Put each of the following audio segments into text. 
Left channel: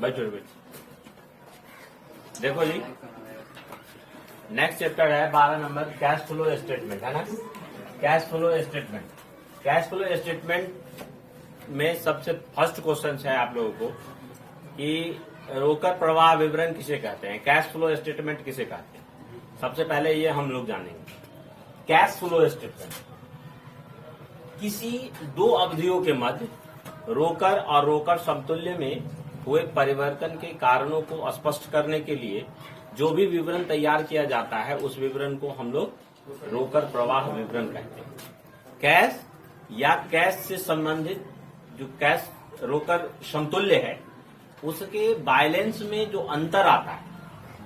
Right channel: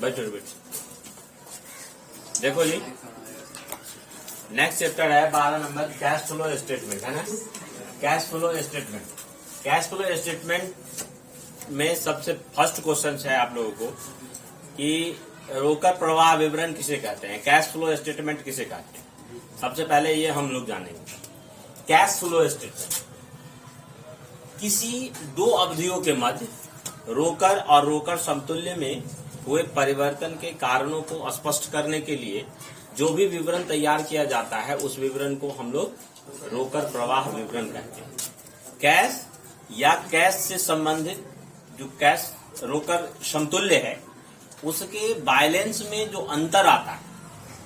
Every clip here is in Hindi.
बैठो। देखो जी, नेक्स्ट चैप्टर है 12 नंबर, कैश फ्लो स्टेटमेंट, है ना। Cash flow statement, cash flow statement में सबसे फर्स्ट क्वेश्चन है आप लोगों को कि रोकड़ प्रवाह विवरण किसे कहते हैं, कैश फ्लो स्टेटमेंट किसे कहते हैं। सबसे पहले ये हम लोग जानेंगे। कैश फ्लो स्टेटमेंट किसी दो अवधियों के मध्य रोकड़ और रोकड़ समतुल्य में हुए परिवर्तन के कारणों को स्पष्ट करने के लिए जो भी विवरण तैयार किया जाता है उस विवरण को हम लोग रोकड़ प्रवाह विवरण कहते हैं। कैश या कैश से संबंधित जो कैश रोकड़ समतुल्य है उसके बैलेंस में जो अंतर आता है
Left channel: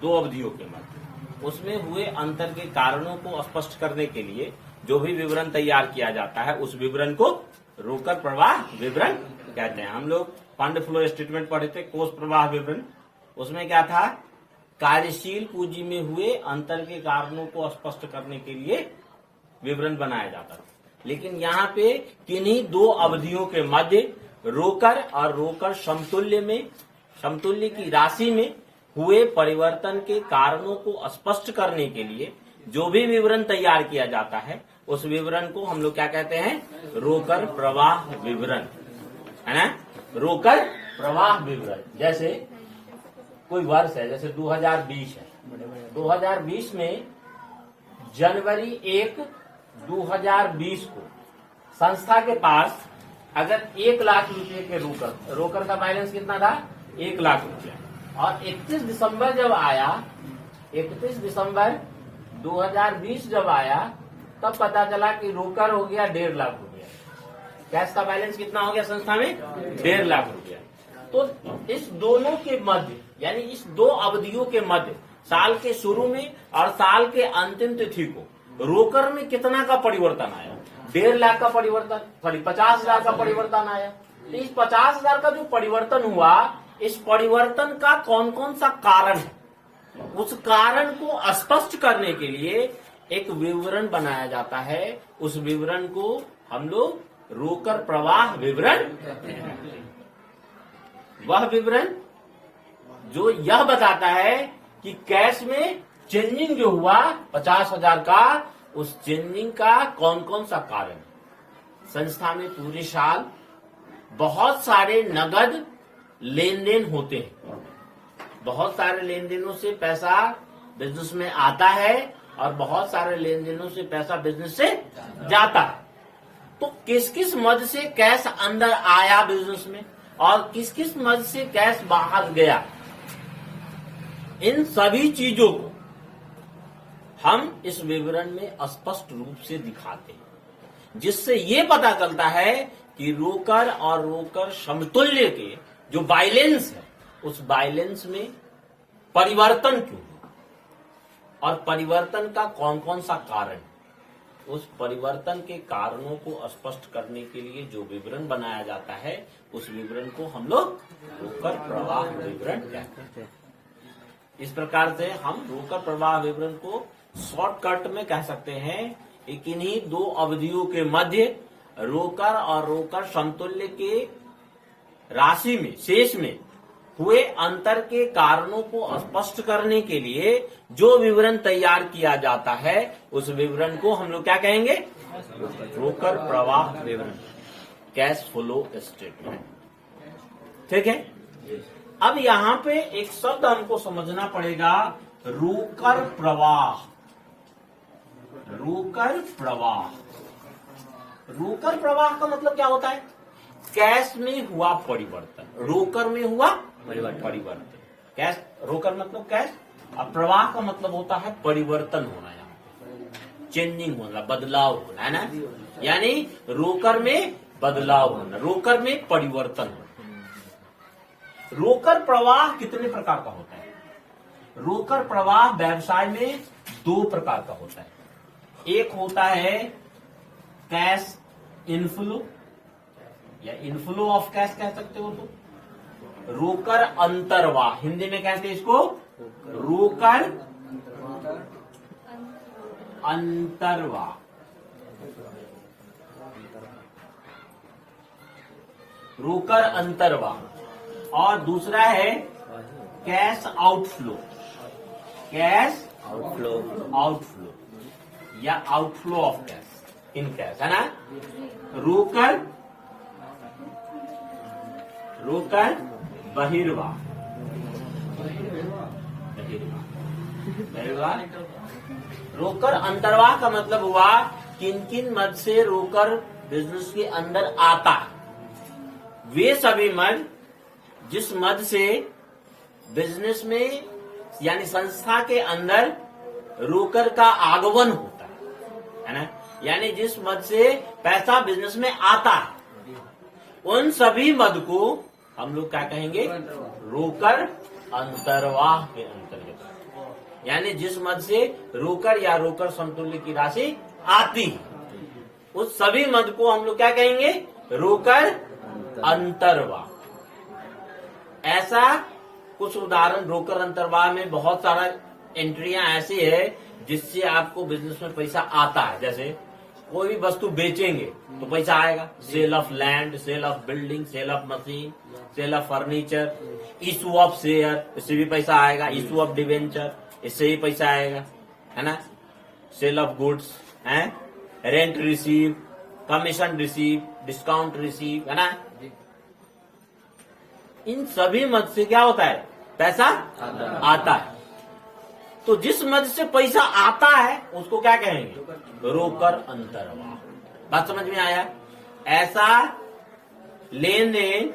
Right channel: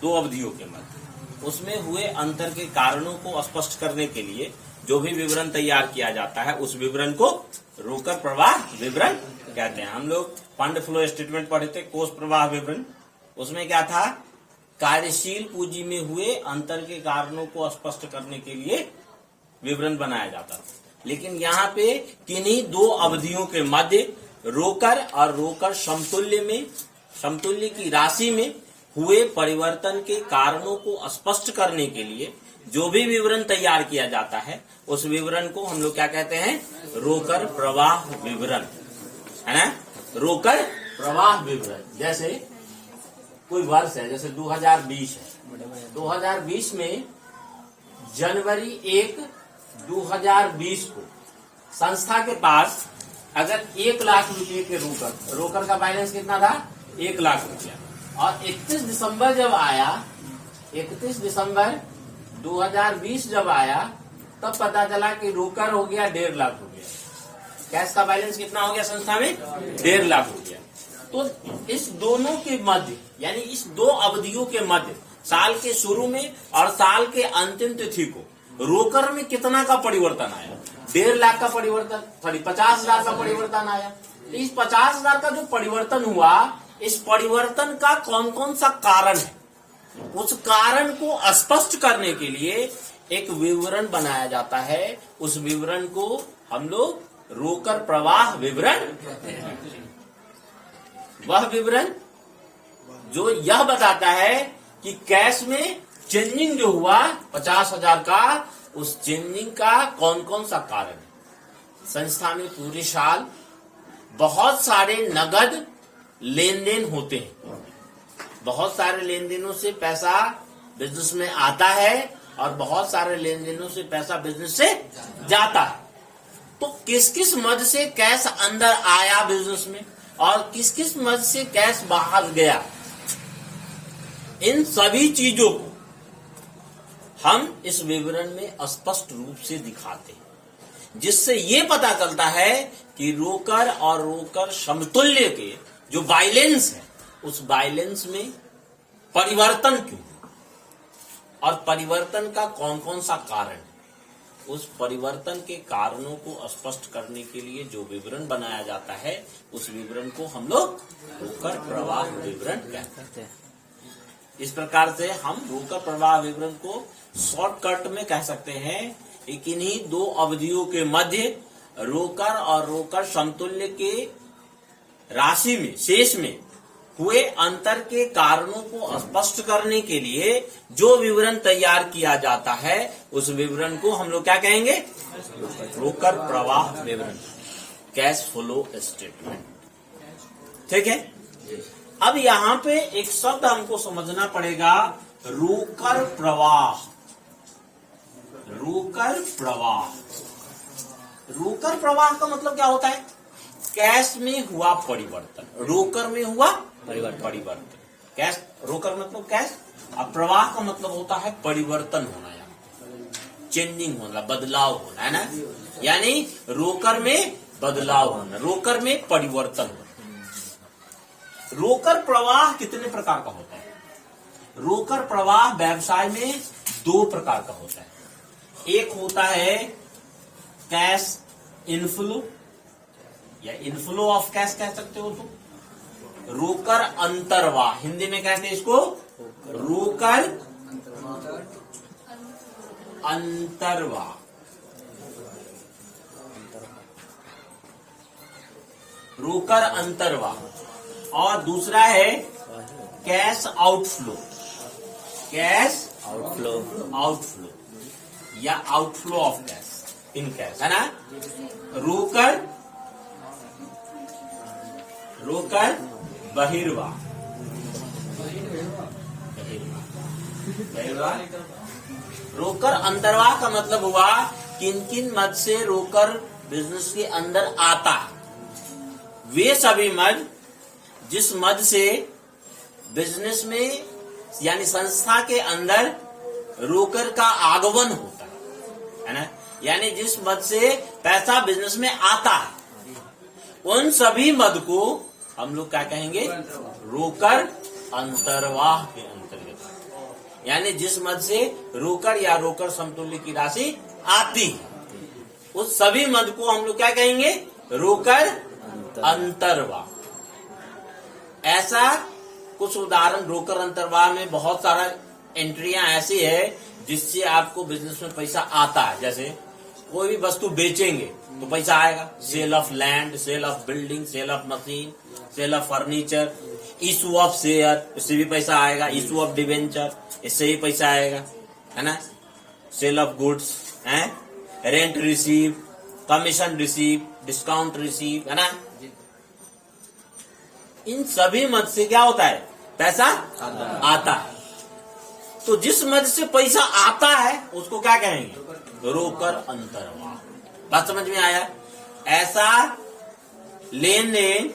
दो अवधियों के मध्य, उसमें हुए अंतर के कारणों को स्पष्ट करने के लिए जो भी विवरण तैयार किया जाता है उस विवरण को रोकड़ प्रवाह विवरण कहते हैं। हम लोग फंड फ्लो स्टेटमेंट पढ़े थे, कोष प्रवाह विवरण, उसमें क्या था, कार्यशील पूंजी में हुए अंतर के कारणों को स्पष्ट करने के लिए विवरण बनाया जाता था। लेकिन यहाँ पे किन्हीं दो अवधियों के मध्य रोकड़ और रोकड़ समतुल्य की राशि में हुए परिवर्तन के कारणों को स्पष्ट करने के लिए जो भी विवरण तैयार किया जाता है उस विवरण को हम लोग क्या कहते हैं, रोकड़ प्रवाह विवरण, है ना। रोकड़ प्रवाह विवरण, जैसे कोई वर्ष है, जैसे 2020 है, 2020 में जनवरी 1, 2020 को संस्था के पास अगर 1 लाख रुपए के रोकड़ का बैलेंस कितना था, 1 लाख रुपया, और 31 दिसंबर जब आया, 31 दिसंबर 2020 जब आया तब पता चला कि रोकड़ हो गया 1.5 लाख रुपया, कैश का बैलेंस कितना हो गया संस्था में, 1.5 लाख रुपया। तो इस दोनों के मध्य, यानी इस दो अवधियों के मध्य, साल के शुरू में और साल के अंतिम तिथि को रोकड़ में कितना का परिवर्तन आया, 1.5 लाख का परिवर्तन, 50,000 का परिवर्तन आया। तो इस 50,000 का जो परिवर्तन हुआ, इस परिवर्तन का कौन कौन सा कारण है, उस कारण को स्पष्ट करने के लिए एक विवरण बनाया जाता है। उस विवरण को हम लोग रोकड़ प्रवाह विवरण कहते हैं। वह विवरण जो यह बताता है कि कैश में चेंजिंग जो हुआ 50,000 का, उस चेंजिंग का कौन कौन सा कारण है। संस्था में पूरे साल बहुत सारे नगद लेन देन होते हैं, बहुत सारे लेन देनों से पैसा बिजनेस में आता है और बहुत सारे लेन देनों से पैसा बिजनेस से जाता है। तो किस किस मद से कैश अंदर आया बिजनेस में और किस किस मद से कैश बाहर गया, इन सभी चीजों को हम इस विवरण में स्पष्ट रूप से दिखाते हैं, जिससे ये पता चलता है कि रोकड़ और रोकड़ समतुल्य के जो बैलेंस है उस बैलेंस में परिवर्तन क्यों और परिवर्तन का कौन कौन सा कारण है। उस परिवर्तन के कारणों को स्पष्ट करने के लिए जो विवरण बनाया जाता है उस विवरण को हम लोग रोकड़ प्रवाह विवरण कहते हैं। इस प्रकार से हम रोकड़ प्रवाह विवरण को शॉर्टकट में कह सकते हैं कि किन्हीं दो अवधियों के मध्य रोकड़ और रोकड़ समतुल्य के राशि में, शेष में हुए अंतर के कारणों को स्पष्ट करने के लिए जो विवरण तैयार किया जाता है उस विवरण को हम लोग क्या कहेंगे, रोकड़ प्रवाह विवरण, कैश फ्लो स्टेटमेंट। ठीक है। अब यहाँ पे एक शब्द हमको समझना पड़ेगा, रोकड़ प्रवाह। रोकड़ प्रवाह, रोकड़ प्रवाह का मतलब क्या होता है, कैश में हुआ परिवर्तन, रोकड़ में हुआ परिवर्तन। कैश, रोकड़ मतलब कैश, और प्रवाह का मतलब होता है परिवर्तन होना, यहाँ चेंजिंग होना, बदलाव होना, है ना। यानी रोकड़ में बदलाव होना, रोकड़ में परिवर्तन होना। रोकड़ प्रवाह कितने प्रकार का होता है, रोकड़ प्रवाह व्यवसाय में 2 प्रकार का होता है। एक होता है कैश इनफ्लो या इनफ्लो ऑफ कैश कह सकते हो, तो रोकड़ अंतर्वाह, हिंदी में कहते हैं इसको रोकड़ अंतर्वाह। रोकर अंतर्वाह। और दूसरा है कैश आउटफ्लो, कैश आउटफ्लो या outflow of cash in cash, है ना। रोकर बहिर्वाह, रोकर अंतर्वाह का मतलब हुआ किन किन मद से रोकर बिजनेस के अंदर आता है। वे सभी मद जिस मद से बिजनेस में यानी संस्था के अंदर रोकर का आगमन होता है ना, यानी जिस मद से पैसा बिजनेस में आता है, उन सभी मद को हम लोग क्या कहेंगे, रोकर अंतर्वाह के अंतर्गत। यानी जिस मद से रोकर या रोकर समतुल्य की राशि आती है, उस सभी मद को हम लोग क्या कहेंगे, रोकर अंतर्वाह। ऐसा कुछ उदाहरण रोकर अंतर्वाह में बहुत सारा एंट्रियां ऐसी है जिससे आपको बिजनेस में पैसा आता है। जैसे कोई भी वस्तु बेचेंगे तो पैसा आएगा, sale of land, sale of building, sale of machine, sale of furniture, issue of share, इससे भी पैसा आएगा, इशू ऑफ डिवेंचर, इससे भी पैसा आएगा, है ना। सेल ऑफ गुड्स, है, rent receive, commission receive, discount receive, है ना। इन सभी मद से क्या होता है, पैसा आता है। तो जिस मद से पैसा आता है उसको क्या कहेंगे, रोकर अंतर्वाह। बात समझ में आया। ऐसा लेन देन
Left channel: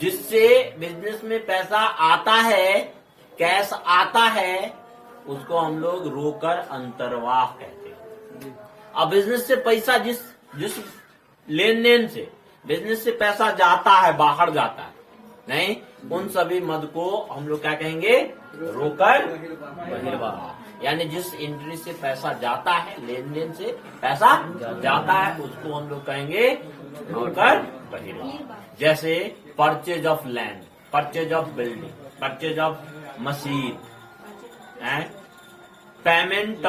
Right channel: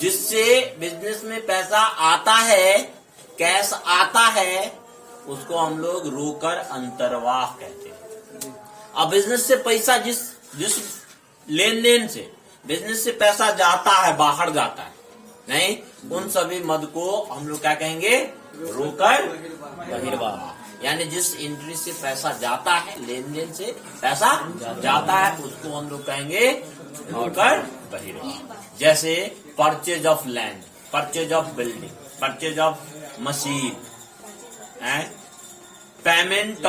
जिससे बिजनेस में पैसा आता है, कैश आता है, उसको हम लोग रोकर अंतर्वाह कहते हैं। अब बिजनेस से पैसा जिस लेन देन से बिजनेस से पैसा जाता है, बाहर जाता है, नहीं, उन सभी मद को हम लोग क्या कहेंगे, रोकर बहिर्वाह। यानी जिस एंट्री से पैसा जाता है, लेन देन से पैसा जाता है, उसको हम लोग कहेंगे रोकर बहिर्वाह। जैसे purchase of land, purchase of building, purchase of machine, payment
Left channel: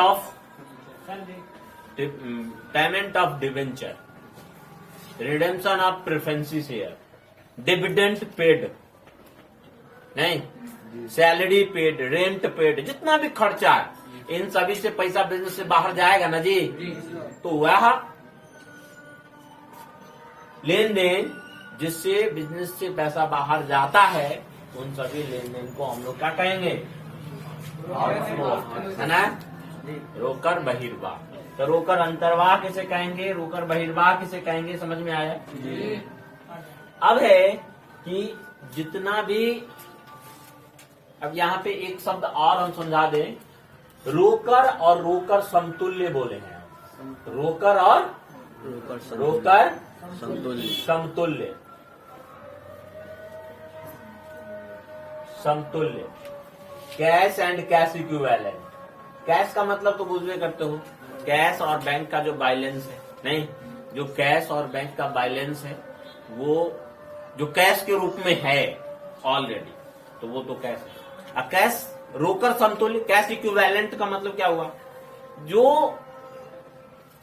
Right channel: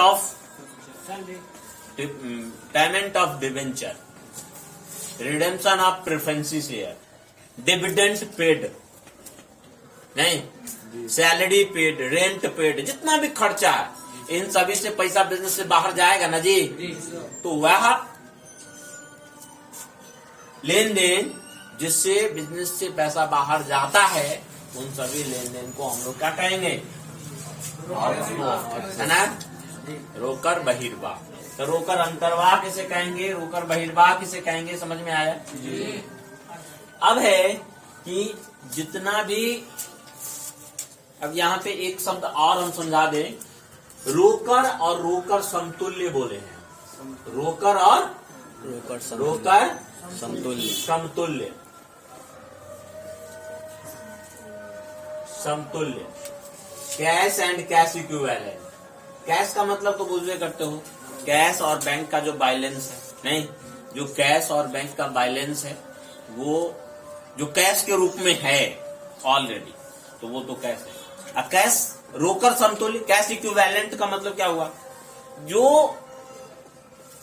of debenture, redemption of preference share, dividend paid, नहीं, सैलरी पेड, रेंट पेड, जितना भी खर्चा है, इन सभी से पैसा बिजनेस से बाहर जाएगा ना जी। तो वह लेन देन जिससे बिजनेस से पैसा बाहर जाता है, उन सभी लेन देन को हम लोग क्या कहेंगे, है ना, रोकर बहिर्वाह। तो रोकर अंतर्वाह किसे कहेंगे, रोकर बहिर्वाह किसे कहेंगे, समझ में आया जी। अब है कि जितना भी, अब यहाँ पे एक शब्द और हम समझा दें, रोकर और रोकर समतुल्य बोले हैं। रोकर और रोकर समतुल्य cash and cash equivalent. Cash का मतलब तो बुझे करते हो, कैश और बैंक का जो बैलेंस है, नहीं, जो कैश और बैंक का बैलेंस है वो जो कैश के रूप में है ऑलरेडी, तो वो तो कैश है। अब कैश रोकर समतुल्य, कैश इक्विवेलेंट का मतलब क्या हुआ, जो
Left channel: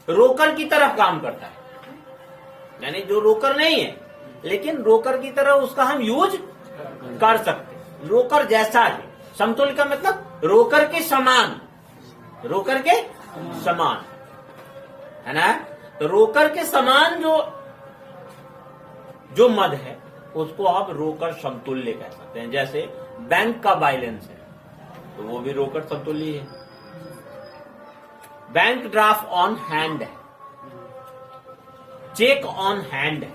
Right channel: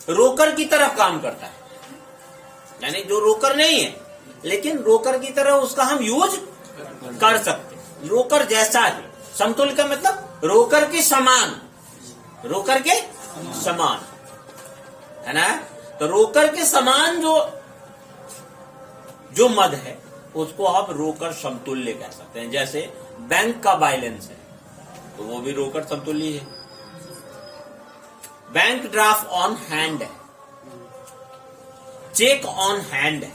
रोकर की तरफ काम करता है, यानी जो रोकर नहीं है लेकिन रोकर की तरह उसका हम यूज कर सकते हैं, रोकर जैसा ही। समतुल्य का मतलब रोकर के समान, रोकर के समान, है ना। तो रोकर के समान जो मद है उसको आप रोकर समतुल्य कह सकते हैं। जैसे बैंक का बैलेंस है तो वो भी रोकर समतुल्य है। बैंक ड्राफ्ट ऑन हैंड है, चेक ऑन हैंड है।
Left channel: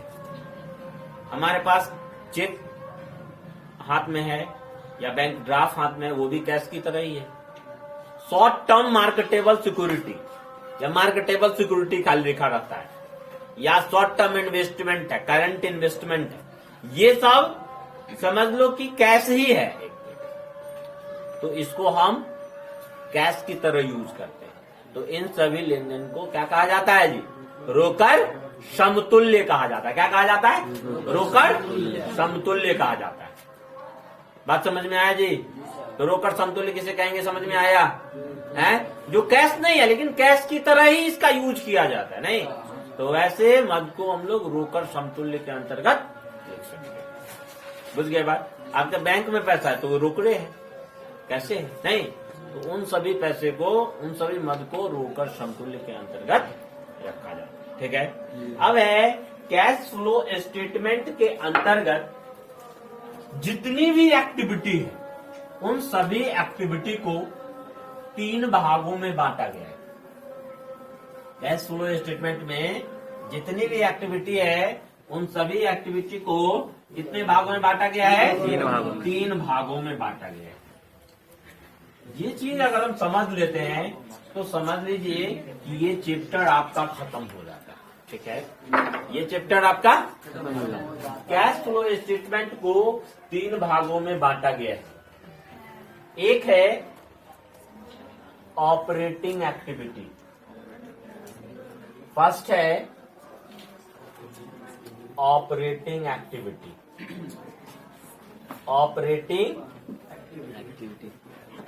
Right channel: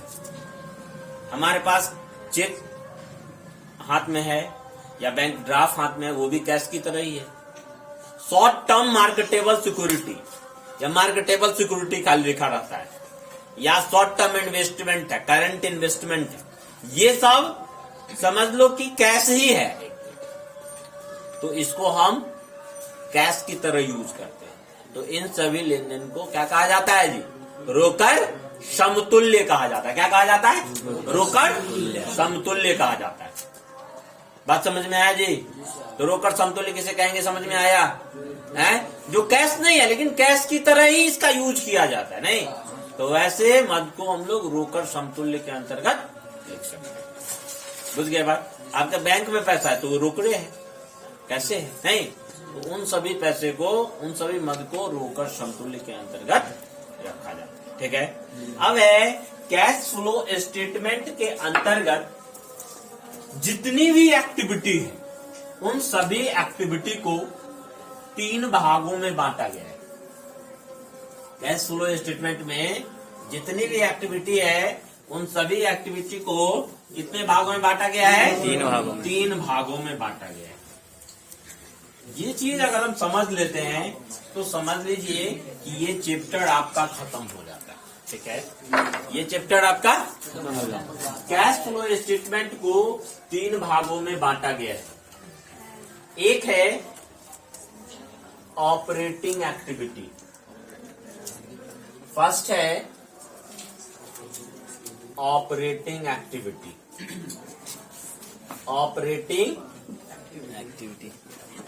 हमारे पास चेक हाथ में है या बैंक ड्राफ्ट हाथ में है, वो भी कैश की तरह ही है। शॉर्ट टर्म मार्केटेबल सिक्योरिटी या मार्केटेबल सिक्योरिटी खाली लिखा रहता है, या शॉर्ट टर्म इन्वेस्टमेंट है, करंट इन्वेस्टमेंट है, ये सब समझ लो कि कैश ही है। तो इसको हम कैश की तरह यूज करते हैं। तो इन सभी लेन देन को क्या कहा जाता है जी, रोकर समतुल्य कहा जाता है। क्या कहा जाता है, रोकर समतुल्य कहा जाता है। बात समझ में आया जी। तो रोकर समतुल्य किसे कहेंगे, समझ में आया है, जो कैश नहीं है लेकिन कैश की तरह ही इसका यूज किया जाता है, नहीं। तो वैसे मद को हम लोग रोकर समतुल्य के अंतर्गत ट्रांजेक्शन। बुझ गए बात? आपका बैंक में पैसा है तो वो रोकड़े है, कैसे है? नहीं, तो उन सभी पैसे को, उन सभी मद को रोकड़ समतुल्य के अंतर्गत रखा जाए। ठीक है। अब है कैश फ्लो स्टेटमेंट के अंतर्गत जितनी भी एक्टिविटी है उन सभी एक्टिविटी को 3 भागों में बांटा गया है। कैश फ्लो स्टेटमेंट में जितनी भी एक्टिविटी है उन सभी एक्टिविटी को कितने भागों में बांटा गया है? 3 भागों में। 3 भागों में बांटा गया है। ये चीज अगर हम समझ लेते हैं तो समझ लीजिए कि ये चैप्टर आपका खत्म हो जाता है। ठीक है, ये चैप्टर आपका कैश फ्लो स्टेटमेंट को 3 भागों में बांटा गया है। एक है ऑपरेटिंग एक्टिविटी, फर्स्ट है ऑपरेटिंग एक्टिविटी, ऑपरेटिंग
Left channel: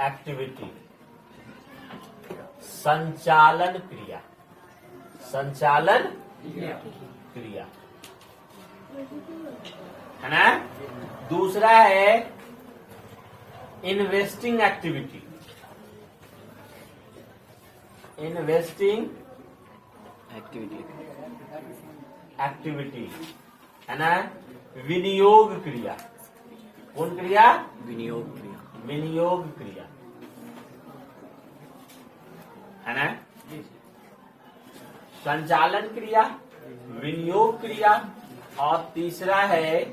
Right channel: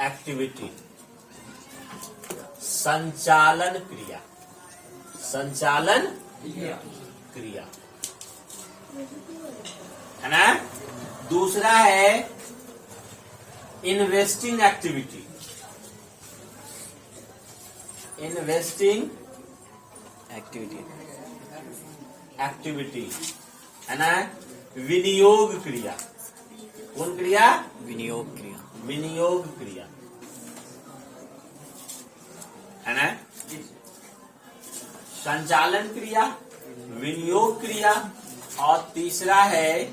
एक्टिविटी, संचालन क्रिया, संचालन क्रिया है ना। दूसरा है इन्वेस्टिंग एक्टिविटी, इन्वेस्टिंग एक्टिविटी है ना। विनियोग क्रिया, कौन क्रिया? विनियोग क्रिया। विनियोग क्रिया है ना। संचालन क्रिया, विनियोग क्रिया, और तीसरा है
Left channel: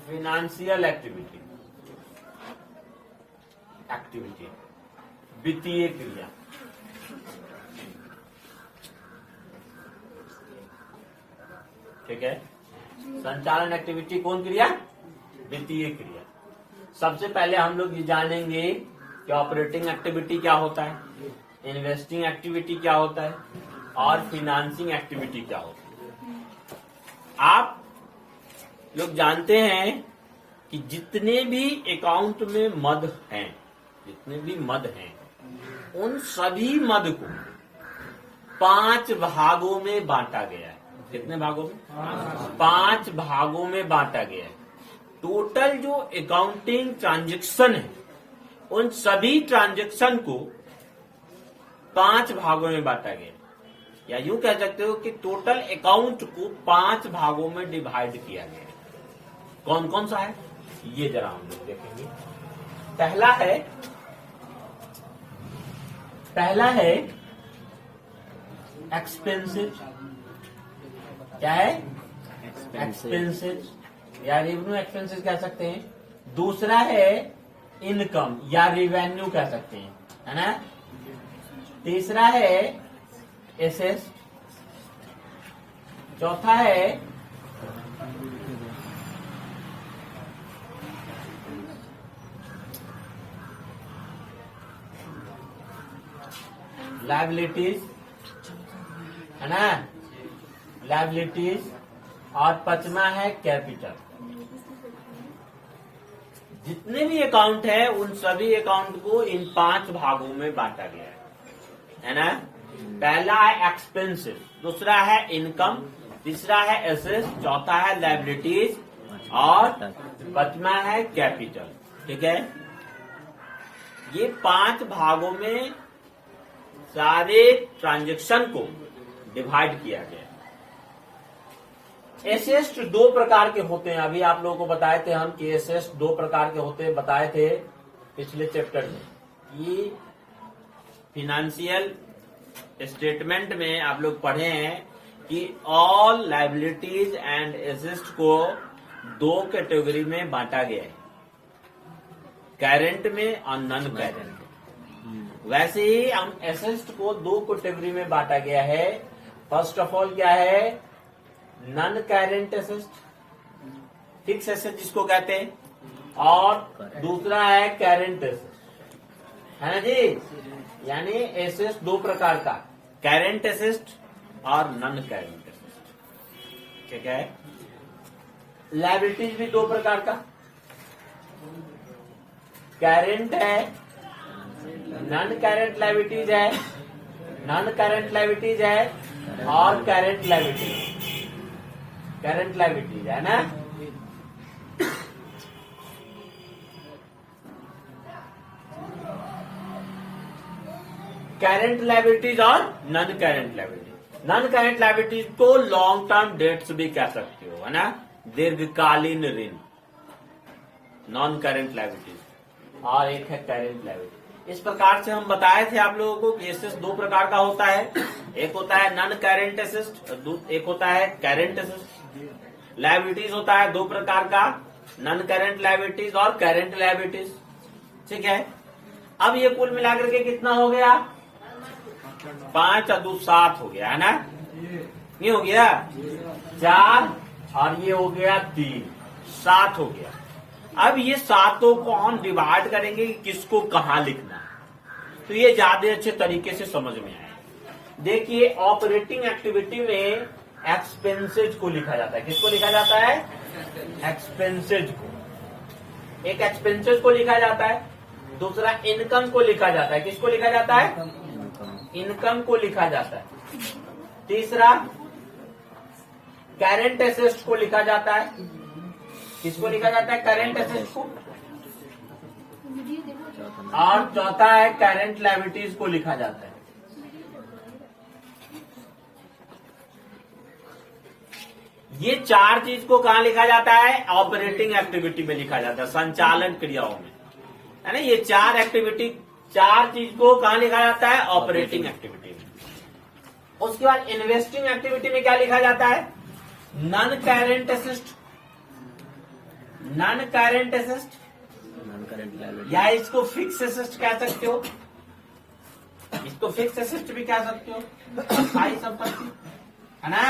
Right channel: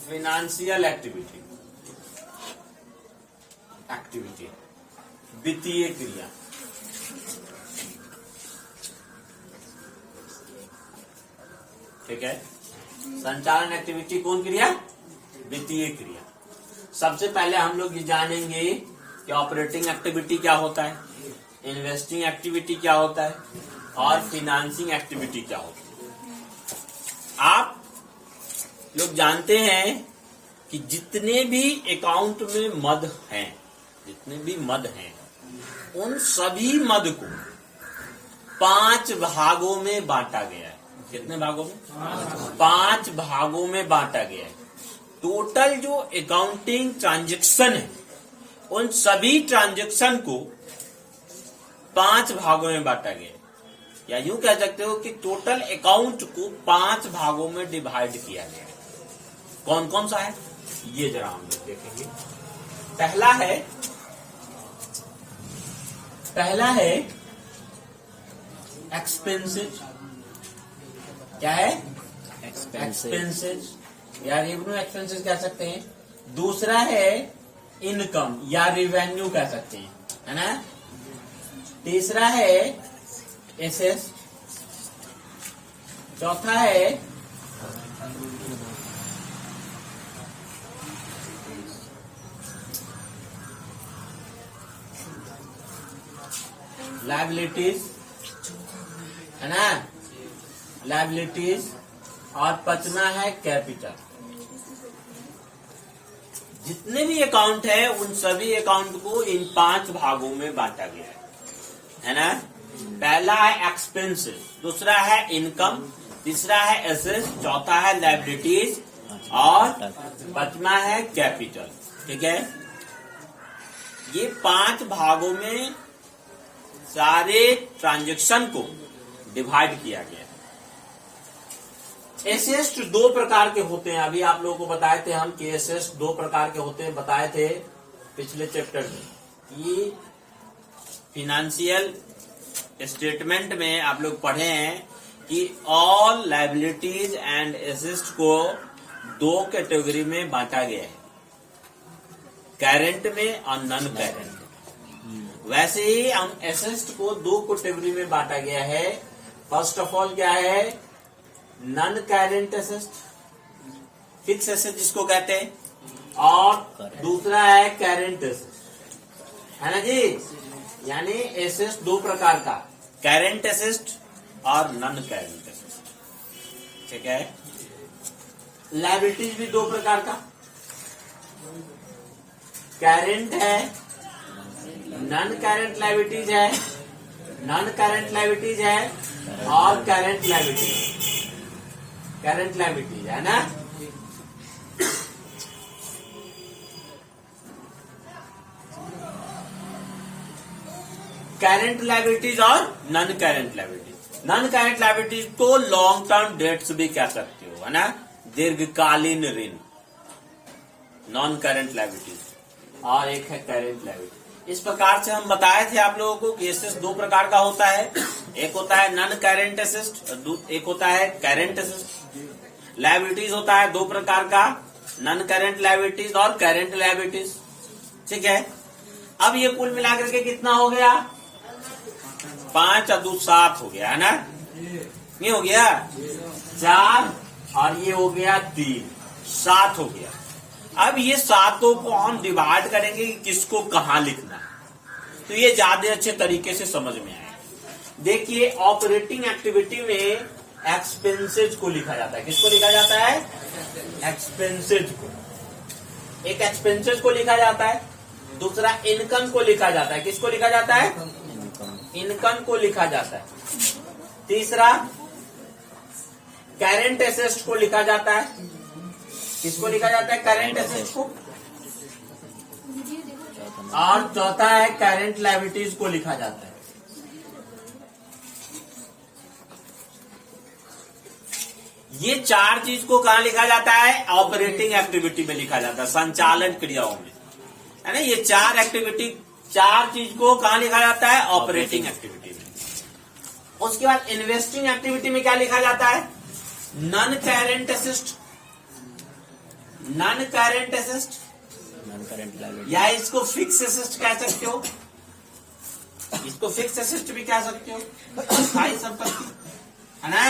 फिनेंशियल एक्टिविटी, वित्तीय क्रिया। ठीक है, संचालन एक्टिविटी कौन क्रिया? वित्तीय क्रिया। सबसे पहले हम लोग ये जानेंगे कि ऑपरेटिंग एक्टिविटी क्या होता है, इन्वेस्टिंग एक्टिविटी क्या होता है, और फिनांसिंग एक्टिविटी क्या होता है। आप लोग जानते हैं कि जितने भी अकाउंट में मद हैं, जितने भी मद हैं, उन सभी मद को 5 भागों में बांटा गया है। कितने भागों में? 5 भागों में बांटा गया है। टोटल जो अकाउंटिंग ट्रांजैक्शन है उन सभी ट्रांजैक्शन को 5 भागों में बांटा गया है। या यूं कह सकते हो कि टोटल अकाउंट को 5 भागों में डिवाइड किया गया है। कौन कौन सा है ये जरा हम लोग देखेंगे। पहला है एक्सपेंसेस। क्या है? एक्सपेंसेस या रेवेन्यू एक्सपेंसेस कह सकते हैं। दूसरा है इनकम या रेवेन्यू कह सकते हैं, है ना। तीसरा है एसेस। चौथा है लायबिलिटीज, है ना, लायबिलिटीज। और 5वां है कैपिटल। जितने भी अकाउंट है उन सभी अकाउंट को इन 5 भागों में बांटा गया है ना। पहला है एक्सपेंसेस, दूसरा है इनकम, तीसरा है एसेट्स, चौथा है लायबिलिटीज, और 5वां है कैपिटल। ठीक है, ये 5 भागों में सारे ट्रांजैक्शन को डिवाइड किया गया है। एसेट्स 2 प्रकार के होते हैं। अभी आप लोगों को बताए थे हम कि एसेट्स 2 प्रकार के होते हैं, बताए थे पिछले चैप्टर में। ये फिनेंशियल स्टेटमेंट में आप लोग पढ़े हैं कि ऑल लायबिलिटीज एंड एसेट्स को 2 कैटेगरी में बांटा गया है, करंट में और नॉन करंट। वैसे ही हम एसेट्स को 2 कैटेगरी में बांटा गया है। फर्स्ट ऑफ ऑल क्या है? Non current asset, fix asset जिसको कहते हैं, और दूसरा है करंट एसेट, है ना जी। यानी एसेट 2 प्रकार का, करंट एसेट और नॉन करंट एसेट। ठीक है। लायबिलिटीज भी 2 प्रकार का, करंट है, नॉन करंट लायबिलिटीज है, नॉन करंट लायबिलिटीज है, और करंट लायबिलिटीज। करंट लायबिलिटीज है ना। करंट लायबिलिटीज और non current liabilities. Non current liabilities को लॉन्ग टर्म डेट्स भी कह सकते हो, है ना, दीर्घकालीन ऋण, नॉन करंट लायबिलिटीज, और एक है करंट लायबिलिटी। इस प्रकार से हम बताए थे आप लोगों को कि एसेट्स दो प्रकार का होता है, एक होता है नॉन करंट एसेट्स, एक होता है करंट एसेट्स। लायबिलिटीज होता है दो प्रकार का, नॉन करंट लायबिलिटीज और करंट लायबिलिटीज, ठीक है। अब ये कुल मिलाकर के कितना हो गया, 5 और 2 7 हो गया, है ना, ये हो गया 4 और ये हो गया 3, 7 हो गया। अब ये सातों को हम डिवाइड करेंगे कि किसको कहां लिखना है, तो ये ज्यादा अच्छे तरीके से समझ में आएगा। देखिए ऑपरेटिंग एक्टिविटी में एक्सपेंसेज को लिखा जाता है, किसको लिखा जाता है, एक्सपेंसेज को। एक एक्सपेंसेज को लिखा जाता है, दूसरा इनकम को लिखा जाता है, किसको लिखा जाता है, इनकम को लिखा जाता है। तीसरा करंट एसेट्स को लिखा जाता है, किसको लिखा जाता है, करंट एसेट्स को। और चौथा है करंट लायबिलिटीज को लिखा जाता है। ये 4 चीज को कहां लिखा जाता है, ऑपरेटिंग एक्टिविटी में लिखा जाता है, संचालन क्रियाओं में, है ना। ये 4 एक्टिविटी, 4 चीज को कहां लिखा जाता है, ऑपरेटिंग एक्टिविटी में। उसके बाद इन्वेस्टिंग एक्टिविटी में क्या लिखा जाता है, non current asset, non current asset, non current liability, या इसको फिक्स एसेट कह सकते हो, इसको फिक्स एसेट भी कह सकते हो, स्थायी संपत्ति, है ना,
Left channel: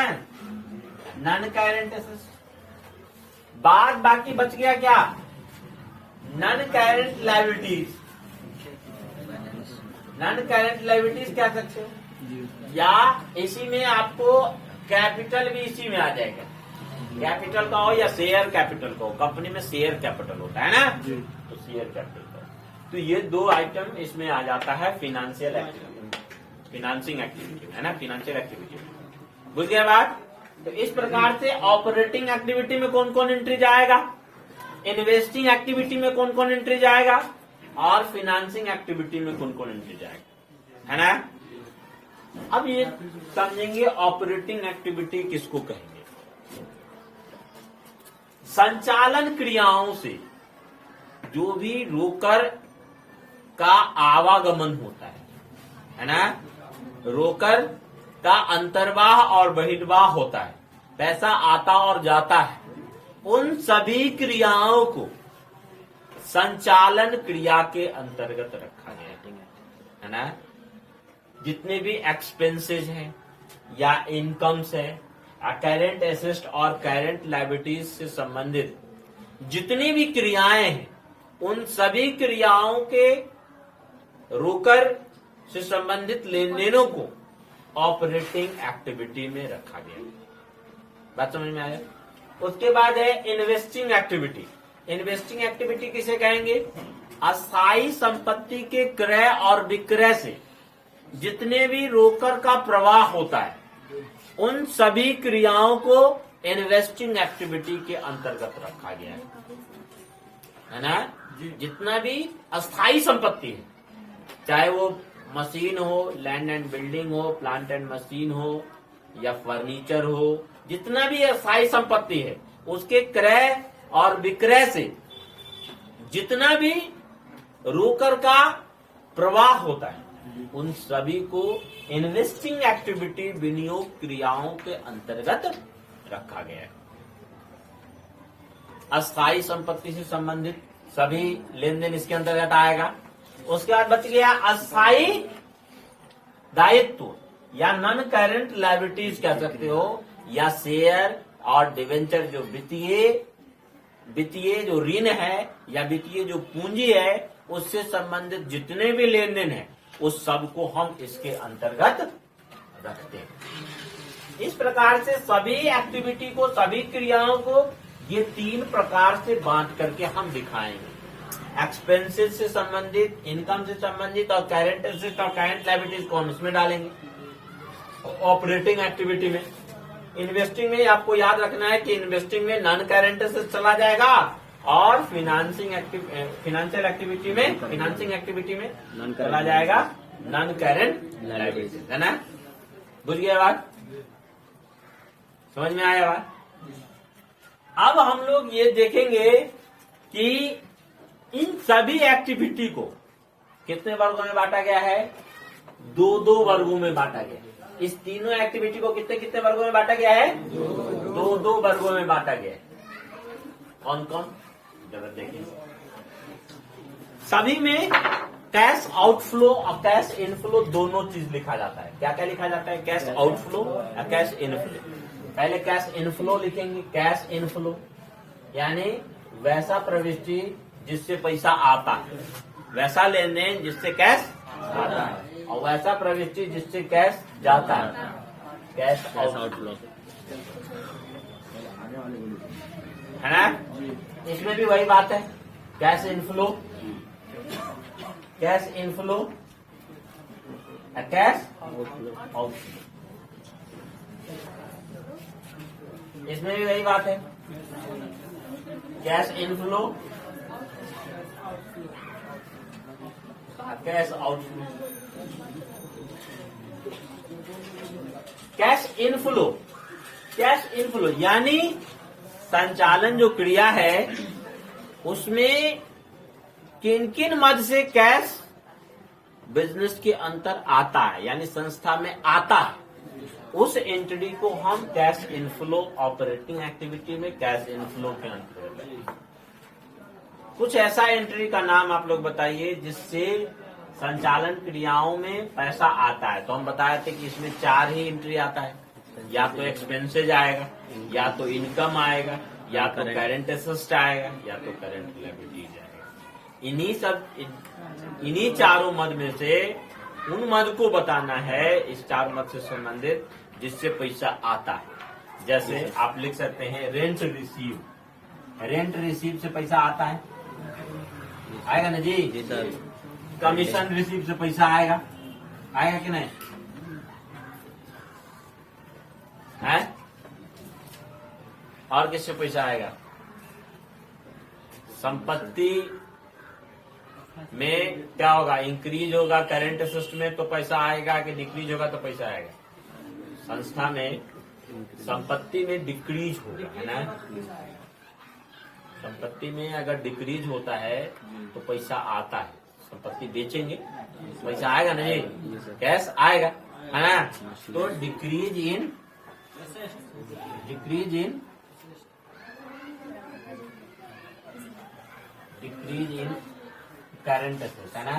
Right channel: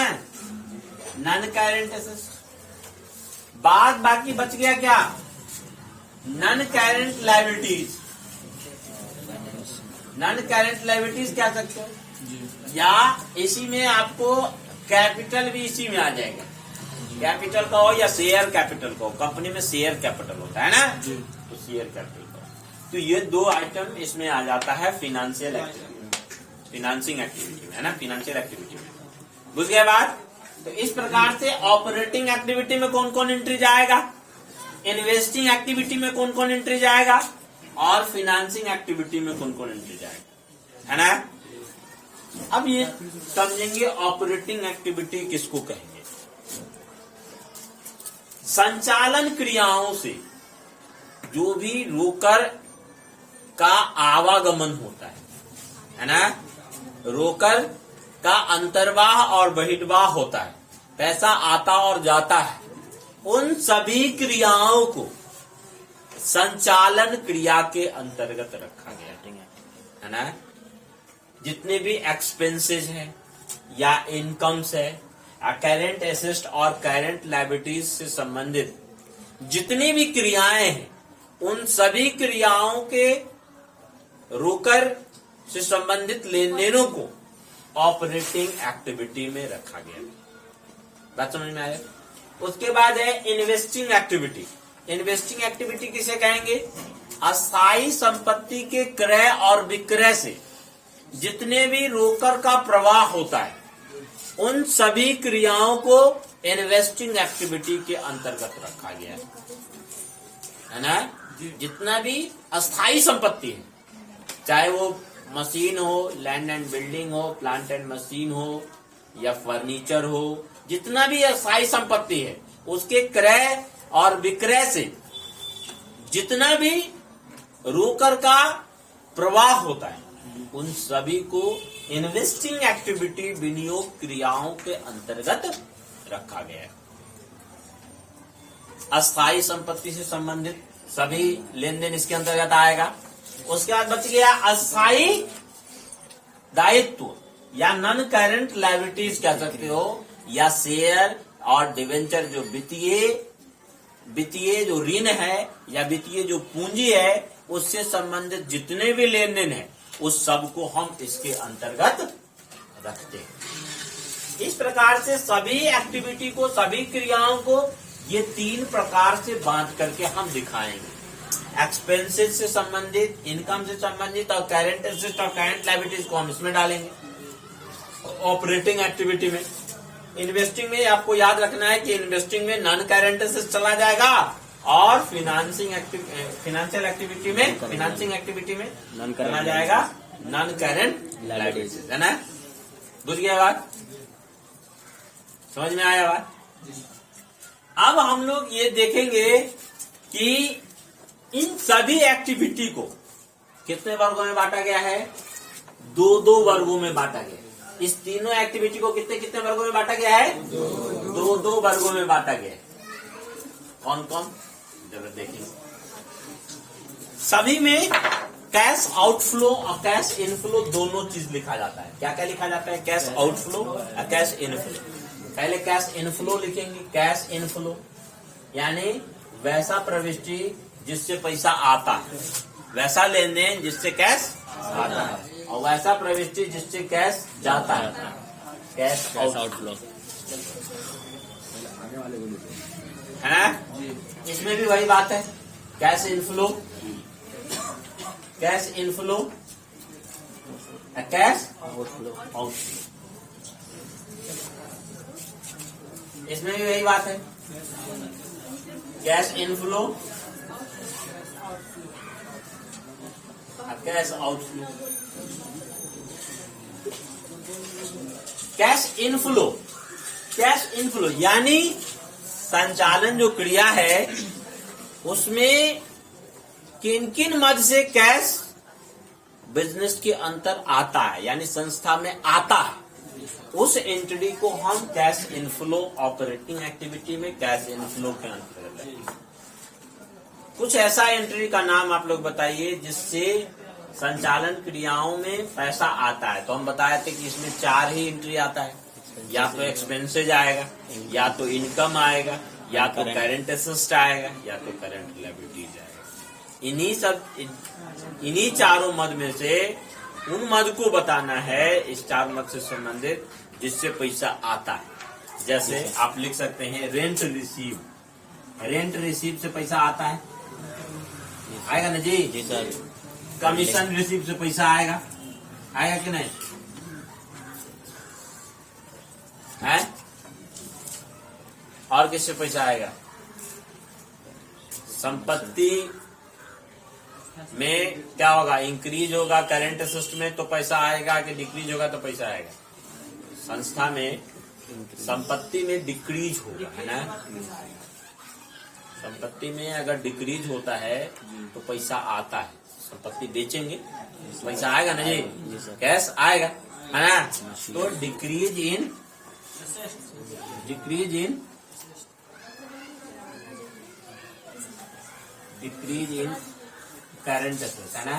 नॉन करंट एसेट। बाद बाकी बच गया क्या, non current liabilities, non current liabilities कह सकते हो, या इसी में आपको कैपिटल भी इसी में आ जाएगा, कैपिटल का हो या शेयर कैपिटल का हो, कंपनी में शेयर कैपिटल होता है ना, तो शेयर कैपिटल का। तो ये 2 आइटम इसमें आ जाता है फिनेंशियल एक्टिविटी, फिनांसिंग एक्टिविटी में, है ना, फिनेंशियल एक्टिविटी में। बुझ गए बात। तो इस प्रकार से ऑपरेटिंग एक्टिविटी में कौन कौन एंट्री जाएगा, इन्वेस्टिंग एक्टिविटी में कौन कौन एंट्री जाएगा, और फिनेंसिंग एक्टिविटी में कौन कौन एंट्री जाएगा, है ना। अब ये समझेंगे ऑपरेटिंग एक्टिविटी किसको कहेंगे। संचालन क्रियाओं से जो भी रोकर का आवागमन होता है ना, रोकर का अंतर्वाह और बहिर्वाह होता है, पैसा आता और जाता है, उन सभी क्रियाओं को संचालन क्रिया के अंतर्गत रखा गया है ना। जितने भी एक्सपेंसेस हैं या इनकम्स है, करंट एसेट और करंट लायबिलिटीज से संबंधित जितनी भी क्रियाएं हैं, उन सभी क्रियाओं के रोकर से संबंधित लेन देनों को ऑपरेटिंग एक्टिविटी में रखा गया। बात समझ में आया। उसके बाद है इन्वेस्टिंग एक्टिविटी। इन्वेस्टिंग एक्टिविटी किसे कहेंगे, अस्थायी संपत्ति के क्रय और विक्रय से जितने भी रोकर का प्रवाह होता है, उन सभी क्रियाओं को इन्वेस्टिंग एक्टिविटी के अंतर्गत रखा गया है ना। जितना भी अस्थायी संपत्ति है, चाहे वो मशीन हो, लैंड एंड बिल्डिंग हो, प्लांट एंड मशीन हो, या फर्नीचर हो, जितना भी अस्थायी संपत्ति है, उसके क्रय और विक्रय से जितना भी रोकर का प्रवाह होता है, उन सभी को इन्वेस्टिंग एक्टिविटी, विनियोग क्रियाओं के अंतर्गत रखा गया है। अस्थायी संपत्ति से संबंधित सभी लेन देन इसके अंतर्गत आएगा। उसके बाद बच गया अस्थायी दायित्व या नॉन करंट लायबिलिटीज कह सकते हो, या शेयर और डिवेंचर, जो वित्तीय जो ऋण है या वित्तीय जो पूंजी है, उससे संबंधित जितने भी लेन देन है, उस सब को हम इसके अंतर्गत रखते हैं। इस प्रकार से सभी एक्टिविटी को, सभी क्रियाओं को ये 3 प्रकार से बांट करके हम दिखाएंगे। एक्सपेंसेस से संबंधित, इनकम से संबंधित, और करंट एसेट और करंट लायबिलिटीज को हम इसमें डालेंगे ऑपरेटिंग एक्टिविटी में। इन्वेस्टिंग में आपको याद रखना है कि इन्वेस्टिंग में नॉन करेंट एसेट चला जाएगा और फाइनेंशियल एक्टिविटी में चला जाएगा नॉन करेंट लायबिलिटीज, है ना। बुझ गया बात, समझ में आया बात। अब हम लोग ये देखेंगे कि इन सभी एक्टिविटी को कितने वर्गों में बांटा गया है, दो वर्गों में बांटा गया है। इस तीनों एक्टिविटी को कितने कितने वर्गों में बांटा गया है, दो वर्गों में बांटा गया है। कौन कौन, जब देखेंगे। सभी में कैश आउटफ्लो और कैश इनफ्लो दोनों चीज लिखा जाता है। क्या क्या लिखा जाता है, कैश आउटफ्लो और कैश इनफ्लो। पहले कैश इनफ्लो लिखेंगे। कैश इनफ्लो यानी वैसा प्रविष्टि जिससे पैसा आता है, वैसा लेन देन जिससे कैश आता है, और वैसा प्रविष्टि जिससे कैश जाता है, कैश आउटफ्लो, है ना। इसमें भी वही बात है, cash inflow, cash inflow, cash outflow. इसमें भी वही बात है, cash inflow, cash outflow. Cash inflow, cash inflow यानी संचालन जो क्रिया है उसमें किन किन मद से कैश बिजनेस के अंतर आता है, यानी संस्था में आता है, उस एंटिटी को हम कैश इनफ्लो ऑपरेटिंग एक्टिविटी में कैश इनफ्लो के अंतर्गत लेंगे। कुछ ऐसा एंट्री का नाम आप लोग बताइए जिससे संचालन क्रियाओं में पैसा आता है। तो हम बताए थे कि इसमें 4 ही एंट्री आता है, या तो एक्सपेंसेज आएगा, या तो इनकम आएगा, या तो करेंट एसेट आएगा, या तो करेंट लायबिलिटीज आएगा। इन्हीं चारों मद में से उन मद को बताना है, इस 4 मद से संबंधित जिससे पैसा आता है। जैसे आप लिख सकते हैं रेंट रिसीव, रेंट रिसीव से पैसा आता है, आएगा ना जी सर। कमीशन रिसीव से पैसा आएगा, आएगा कि नहीं है। और किससे पैसा आएगा, संपत्ति में क्या होगा, इंक्रीज होगा करेंट एसेट में तो पैसा आएगा, कि डिक्रीज होगा तो पैसा आएगा। संस्था में संपत्ति में डिक्रीज होगा, है ना। संपत्ति में अगर डिक्रीज होता है तो पैसा आता है। संपत्ति बेचेंगे पैसा आएगा ना जी, कैश आएगा, है ना। तो डिक्रीज इन करंट एसेट, है ना,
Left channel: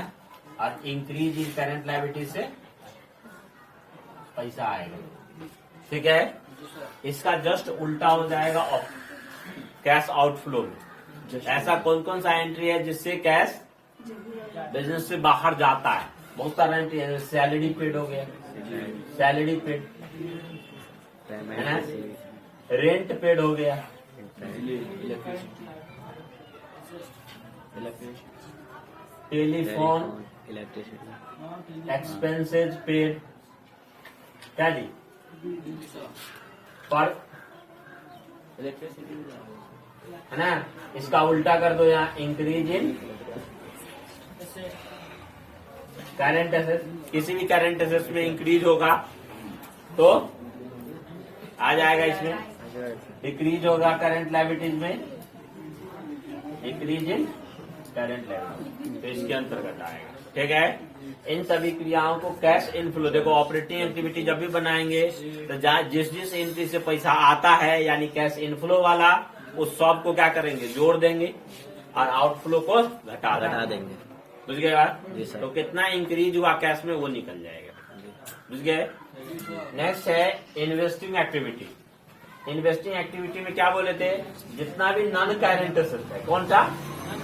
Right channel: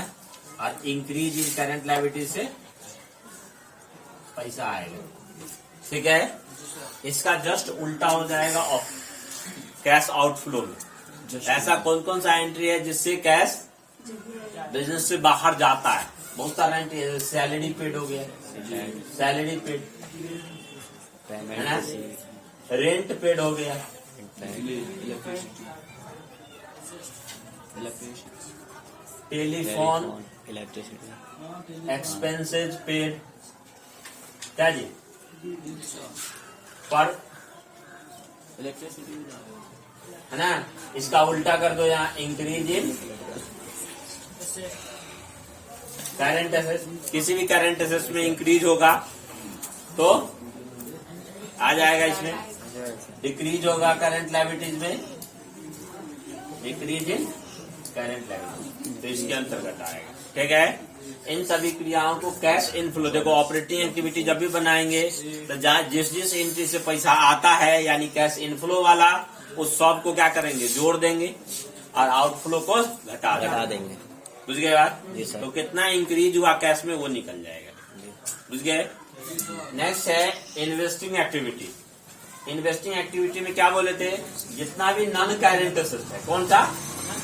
और इंक्रीज इन करंट लायबिलिटी से पैसा आएगा। ठीक है, इसका जस्ट उल्टा हो जाएगा कैश आउटफ्लो में। ऐसा कौन कौन सा एंट्री है जिससे कैश बिजनेस से बाहर जाता है, बहुत सारा एंट्री है। सैलरी पेड हो गया, सैलरी पेड, है ना, रेंट पेड हो गया, टेलीफोन, एक्सपेंसेज पेड, क्या जी, पर, है ना। इसका उल्टा कर दो, यहाँ इंक्रीज इन करंट एसेट, किसी भी करंट एसेट में इंक्रीज होगा तो आ जाएगा इसमें। डिक्रीज होगा करंट लायबिलिटीज में, डिक्रीज इन करंट लायबिलिटीज, तो इसके अंतर्गत आएगा। ठीक है, इन सभी क्रियाओं को कैश इनफ्लो, देखो ऑपरेटिंग एक्टिविटी जब भी बनाएंगे तो जिस जिस एंट्री से पैसा आता है यानी कैश इनफ्लो वाला, उस सब को क्या करेंगे, जोड़ देंगे, और आउटफ्लो को घटा देंगे। बुझ गए बात। तो कितना इंक्रीज हुआ कैश में वो निकल जाएगा। बुझ गए। नेक्स्ट है इन्वेस्टिंग एक्टिविटी। इन्वेस्टिंग एक्टिविटी में क्या बोले थे, जितना भी नॉन करेंट एसेट है, कौन सा,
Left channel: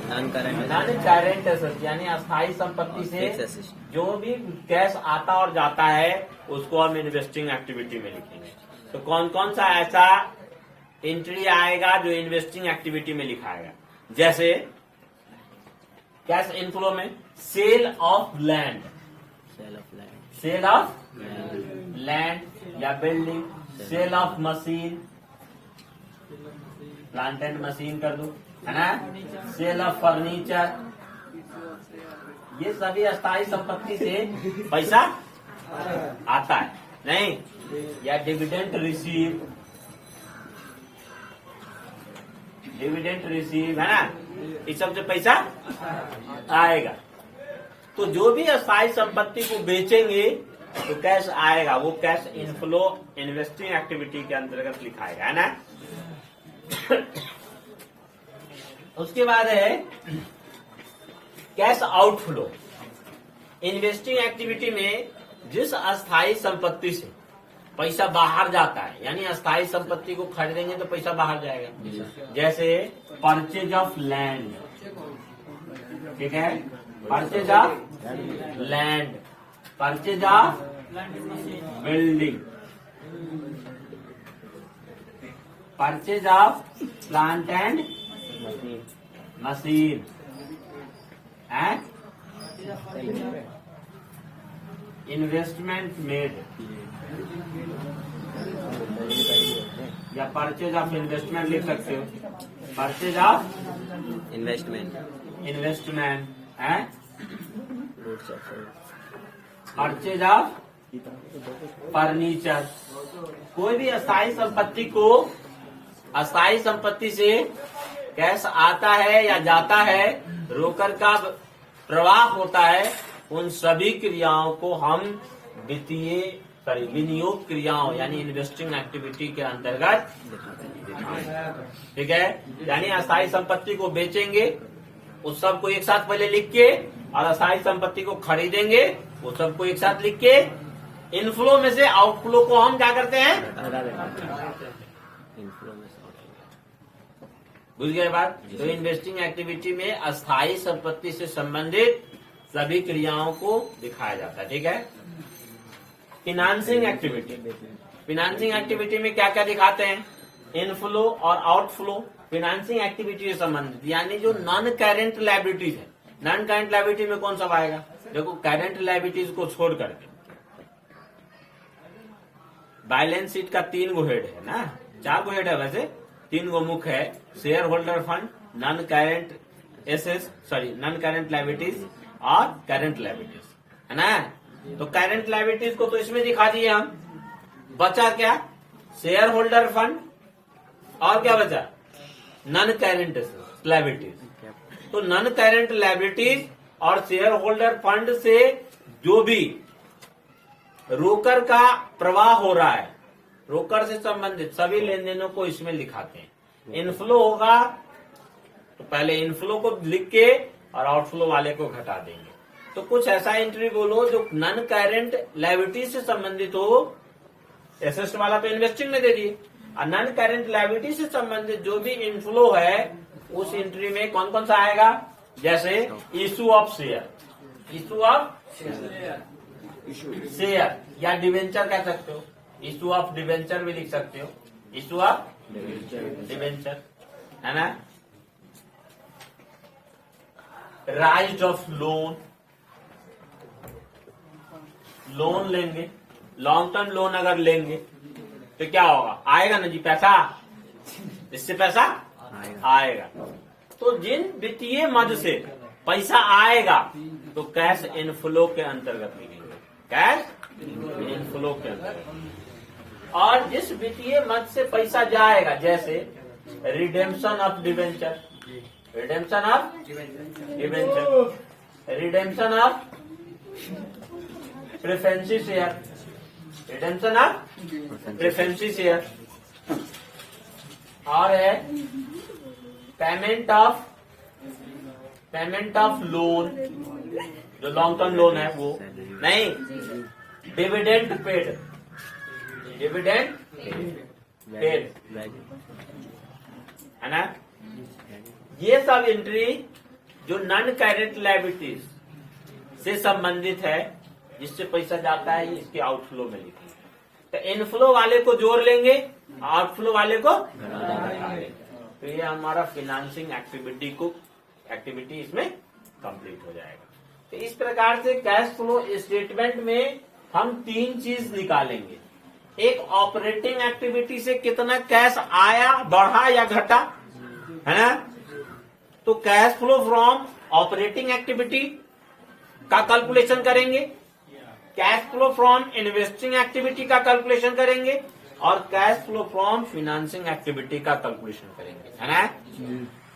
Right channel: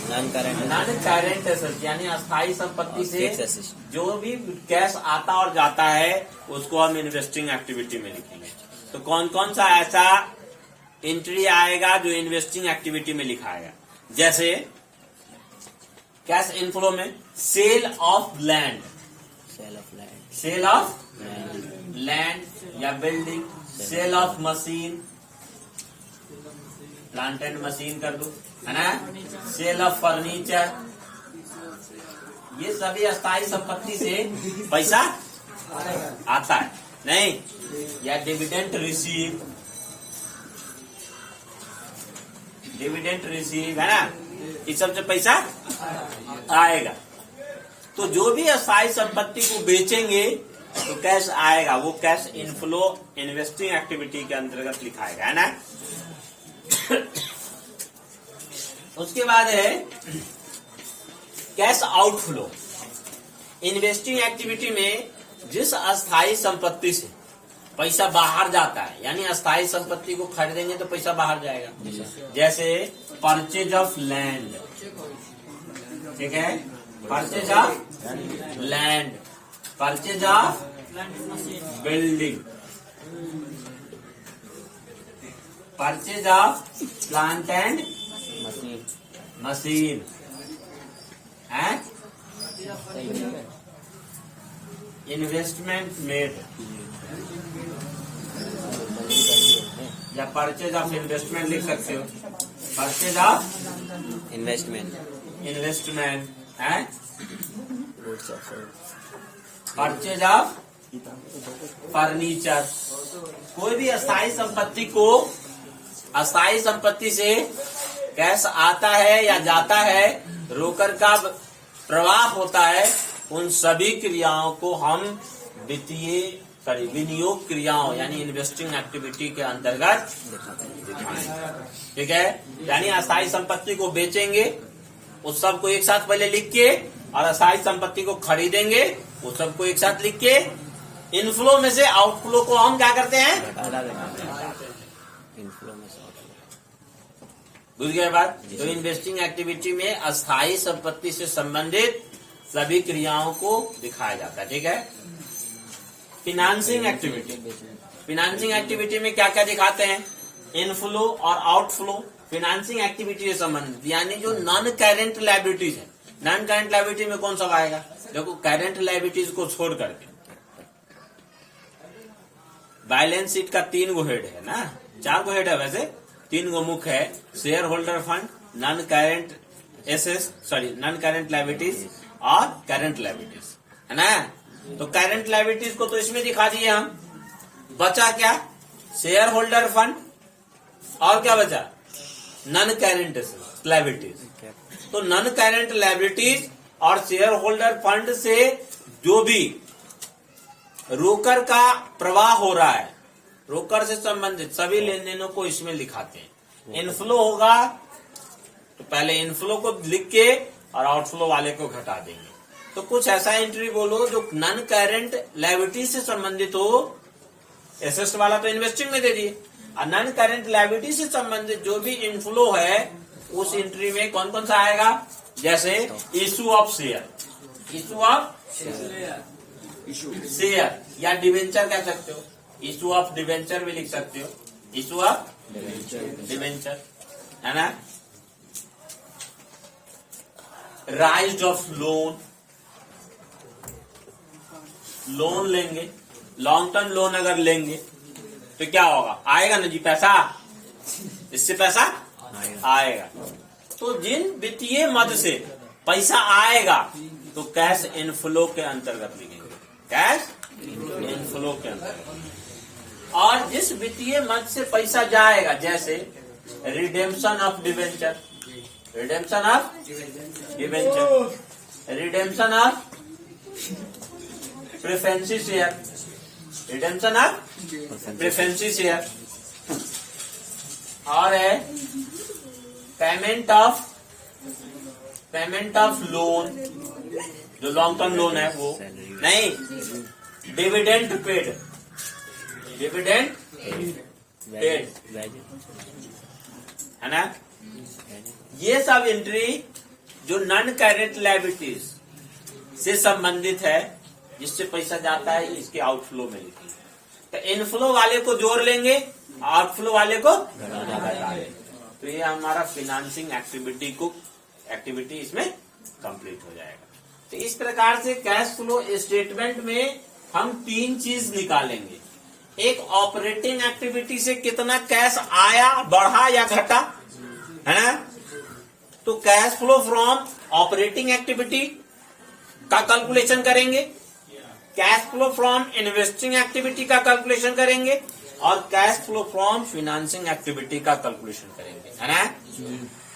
नॉन करेंट एसेट यानी अस्थायी संपत्ति से जो भी कैश आता और जाता है उसको हम इन्वेस्टिंग एक्टिविटी में लिखेंगे। तो कौन कौन सा ऐसा एंट्री आएगा जो इन्वेस्टिंग एक्टिविटी में लिखाएगा, जैसे कैश इनफ्लो में sale of land, sale of land या building, sale of machine, plant and machine कर दो, है ना। सेल ऑफ फर्नीचर, ये सभी अस्थायी संपत्ति से पैसा आता है, नहीं। या डिविडेंड रिसीव, डिविडेंड रिसीव, है ना, इस सब से पैसा आएगा। तो जो भी अस्थायी संपत्ति को बेचेंगे तो कैश आएगा, वो कैश इनफ्लो इन्वेस्टिंग एक्टिविटी के अंतर्गत लिखाएगा, है ना। उसके बाद है कैश आउटफ्लो। इन्वेस्टिंग एक्टिविटी में जिस अस्थायी संपत्ति से पैसा बाहर जाता है, यानी अस्थायी संपत्ति को खरीदेंगे तो पैसा बाहर जाएगा। जैसे परचेज ऑफ लैंड, ठीक है, purchase of land, purchase of building, purchase of plant and machine machine, है, इन्वेस्टमेंट मेड, या परचेज ऑफ इन्वेस्टमेंट लिख सकते हो, परचेज ऑफ इन्वेस्टमेंट इन्वेस्टमेंट, है, goods of purchase of furniture. कोई भी अस्थायी संपत्ति को, अस्थायी संपत्ति से कैश आता है या जाता है, रोकड़ का प्रवाह होता है, उन सभी क्रियाओं को हम वित्तीय विनियोग क्रियाओं यानी इन्वेस्टिंग एक्टिविटी के अंतर्गत दिखाएंगे, ठीक है। यानी अस्थायी संपत्ति को बेचेंगे, उस सब को एक साथ पहले लिख के, और अस्थायी संपत्ति को खरीदेंगे, उस सब को एक साथ लिख के, इनफ्लो में से आउटफ्लो को हम क्या करते हैं, हटा देते, इनफ्लो में से आउटफ्लो। बुझ गए बात। तो इन्वेस्टिंग एक्टिविटी में अस्थायी संपत्ति से संबंधित सभी क्रियाओं को दिखाया जाता है, ठीक है। फिनांसिंग एक्टिविटी, फिनांसिंग एक्टिविटी में क्या क्या दिखाते हैं, इनफ्लो और आउटफ्लो। फिनांसिंग एक्टिविटी से संबंधित यानी जो नॉन करेंट लायबिलिटीज है। नॉन करेंट लायबिलिटी में कौन सा आएगा, देखो करेंट लायबिलिटीज को छोड़ करके बैलेंस शीट का 3 गो हेड है ना, 4 गो हेड है वैसे, 3 गो मुख्य है, share holder fund, non current assets, sorry non current liabilities और करेंट लायबिलिटीज, है ना। तो करेंट लायबिलिटीज को तो इसमें दिखा दिए हम। बचा क्या, शेयर होल्डर फंड, और क्या बचा, नॉन करेंट लायबिलिटीज। तो नॉन करेंट लायबिलिटीज और शेयर होल्डर फंड से जो भी रोकड़ का प्रवाह हो रहा है, रोकड़ से संबंधित सभी लेन देनों को इसमें लिखाते हैं। इनफ्लो होगा तो पहले इनफ्लो को लिख के और आउटफ्लो वाले को घटा देंगे। तो कुछ ऐसा एंट्री बोलो जो नॉन करेंट लायबिलिटी से संबंधित हो। एसेट वाला तो इन्वेस्टिंग में दे दिए, और नॉन करेंट लायबिलिटी से संबंधित जो भी इनफ्लो है उस एंट्री में कौन कौन सा आएगा, जैसे issue of share, issue of share या डिवेंचर कह सकते हो, इशू ऑफ डिवेंचर भी लिख सकते हो, इशू ऑफ डिवेंचर, है ना। राइज ऑफ लोन, लोन लेंगे, लॉन्ग टर्म लोन अगर लेंगे तो क्या होगा, आएगा ना जी पैसा, इससे पैसा आएगा। तो जिन वित्तीय मद से पैसा आएगा तो कैश इनफ्लो के अंतर्गत लिखेंगे, कैश इनफ्लो के अंतर्गत। और जिस वित्तीय मद से पैसा जाएगा, जैसे redemption of debenture, redemption of debenture, redemption of preference share, redemption of preference share, और है पेमेंट ऑफ लोन, जो लॉन्ग टर्म लोन है वो नहीं, डिविडेंड पेड, डिविडेंड पेड, है ना। ये सब एंट्री जो नॉन करेंट लायबिलिटीज से संबंधित है, जिससे पैसा जाता है, इसके आउटफ्लो में लिखिए। तो इनफ्लो वाले को जोड़ लेंगे, आउटफ्लो वाले को घटा लेंगे। तो ये हमारा फिनांसिंग एक्टिविटी इसमें कंप्लीट हो जाएगा। तो इस प्रकार से कैश फ्लो स्टेटमेंट में हम 3 चीज निकालेंगे। एक ऑपरेटिंग एक्टिविटी से कितना कैश आया, बढ़ा या घटा, है ना। तो cash flow from operating activity का कैलकुलेशन करेंगे, cash flow from investing activity का कैलकुलेशन करेंगे और cash flow from financing activity का कैलकुलेशन करेंगे, है ना।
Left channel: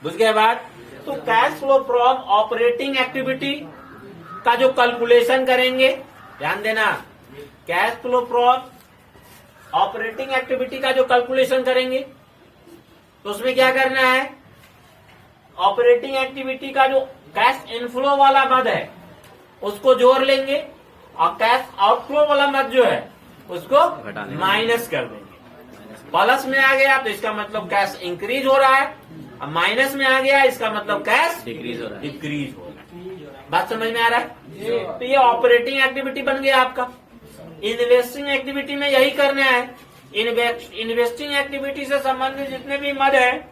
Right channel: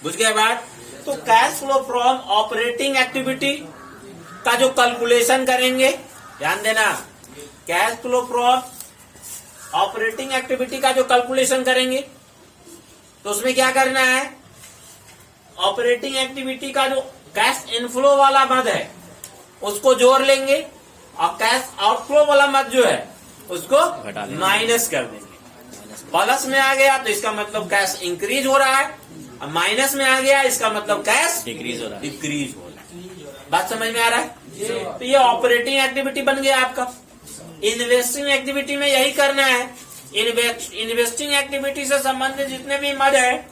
बुझ गए बात। तो cash flow from operating activity का जो कैलकुलेशन करेंगे, ध्यान देना, cash flow from operating activity का जो कैलकुलेशन करेंगे तो उसमें क्या करना है, ऑपरेटिंग एक्टिविटी का जो कैश इनफ्लो वाला मद है उसको जोड़ लेंगे और कैश आउटफ्लो वाला मद जो है उसको घटा देंगे। माइनस कर देंगे। प्लस में आ गया तो इसका मतलब कैश इंक्रीज हो रहा है, और माइनस में आ गया इसका मतलब कैश डिक्रीज हो रहा है। डिक्रीज हो रहा है। बात समझ में आ रहा है। तो ये ऑपरेटिंग एक्टिविटी बन गया आपका। इन्वेस्टिंग एक्टिविटी में यही करना है। इन्वेस्टिंग एक्टिविटी से संबंधित जितने भी मद है,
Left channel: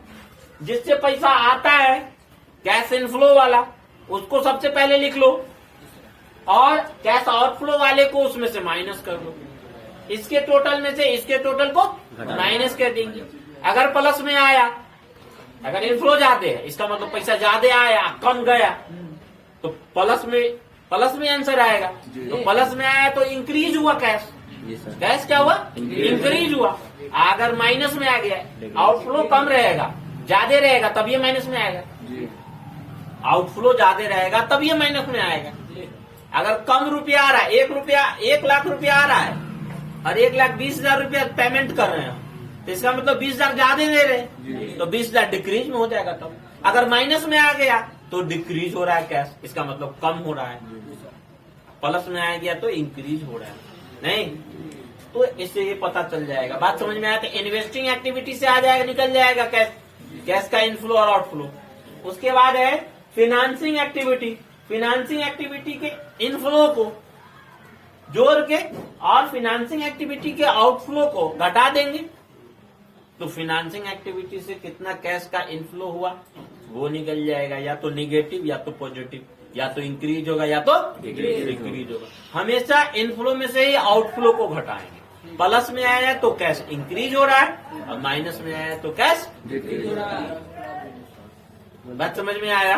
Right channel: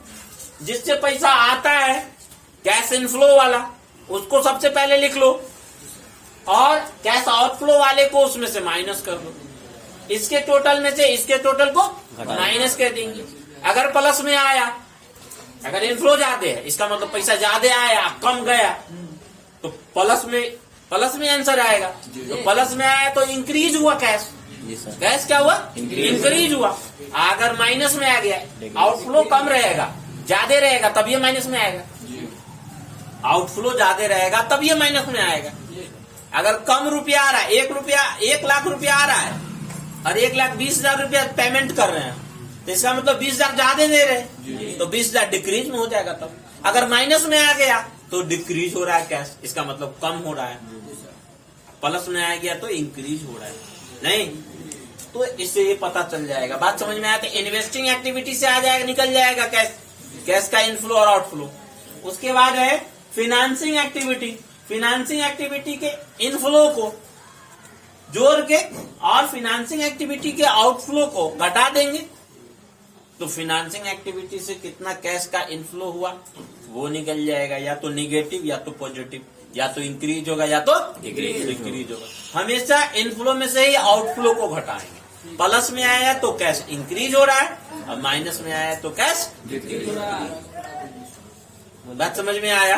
जिससे पैसा आता है कैश इनफ्लो वाला, उसको सबसे पहले लिख लो और कैश आउटफ्लो वाले को उसमें से माइनस कर लो। इसके टोटल में से इसके टोटल को माइनस कर देंगे। अगर प्लस में आया, अगर इनफ्लो ज्यादा है इसका मतलब पैसा ज्यादा आया, कम गया तो प्लस में आंसर आएगा। तो प्लस में आया तो इंक्रीज हुआ कैश, जी सर। कैश क्या हुआ, इंक्रीज हुआ। अगर माइनस में आ गया, आउटफ्लो कम रहेगा, ज्यादा रहेगा तब ये माइनस में आएगा। आउटफ्लो ज्यादा रहेगा तब ये माइनस में आएगा। अगर कम रुपया आ रहा है, 1 लाख रुपया आ रहा है और 1,20,000 रुपया पेमेंट कर रहे हैं तो इसका मतलब 20,000 ज्यादा दे रहे हैं तो 20,000 डिक्रीज में हो जाएगा। तब अगर माइनस में आ गया तो डिक्रीज हो रहा है कैश, इसका मतलब कम हो रहा है। प्लस में आ गया तो इंक्रीज हो रहा है, नहीं तो इससे ये पता चल जाएगा। बात समझ में आया। तो इन्वेस्टिंग एक्टिविटी से आ जाएगा, निकल जाएगा कैश का इनफ्लो और आउटफ्लो। उसके बाद है फिनेंसिंग एक्टिविटी। फिनेंसिंग एक्टिविटी के इनफ्लो को जोड़ के और फिनेंसिंग एक्टिविटी के आउटफ्लो को घटा देंगे तो फिनेंसिंग एक्टिविटी से कितना कैश का इनफ्लो हुआ वो निकल जाएगा, या तो निगेटिव या तो पॉजिटिव, या तो इंक्रीज होगा या तो डिक्रीज होगा। हमेशा इनफ्लो में से ही आउटफ्लो को घटाएंगे। प्लस में आया तो कैश इंक्रीज हो रहा है और माइनस में आया तो कैश डिक्रीज हो रहा है। बात समझ में आया।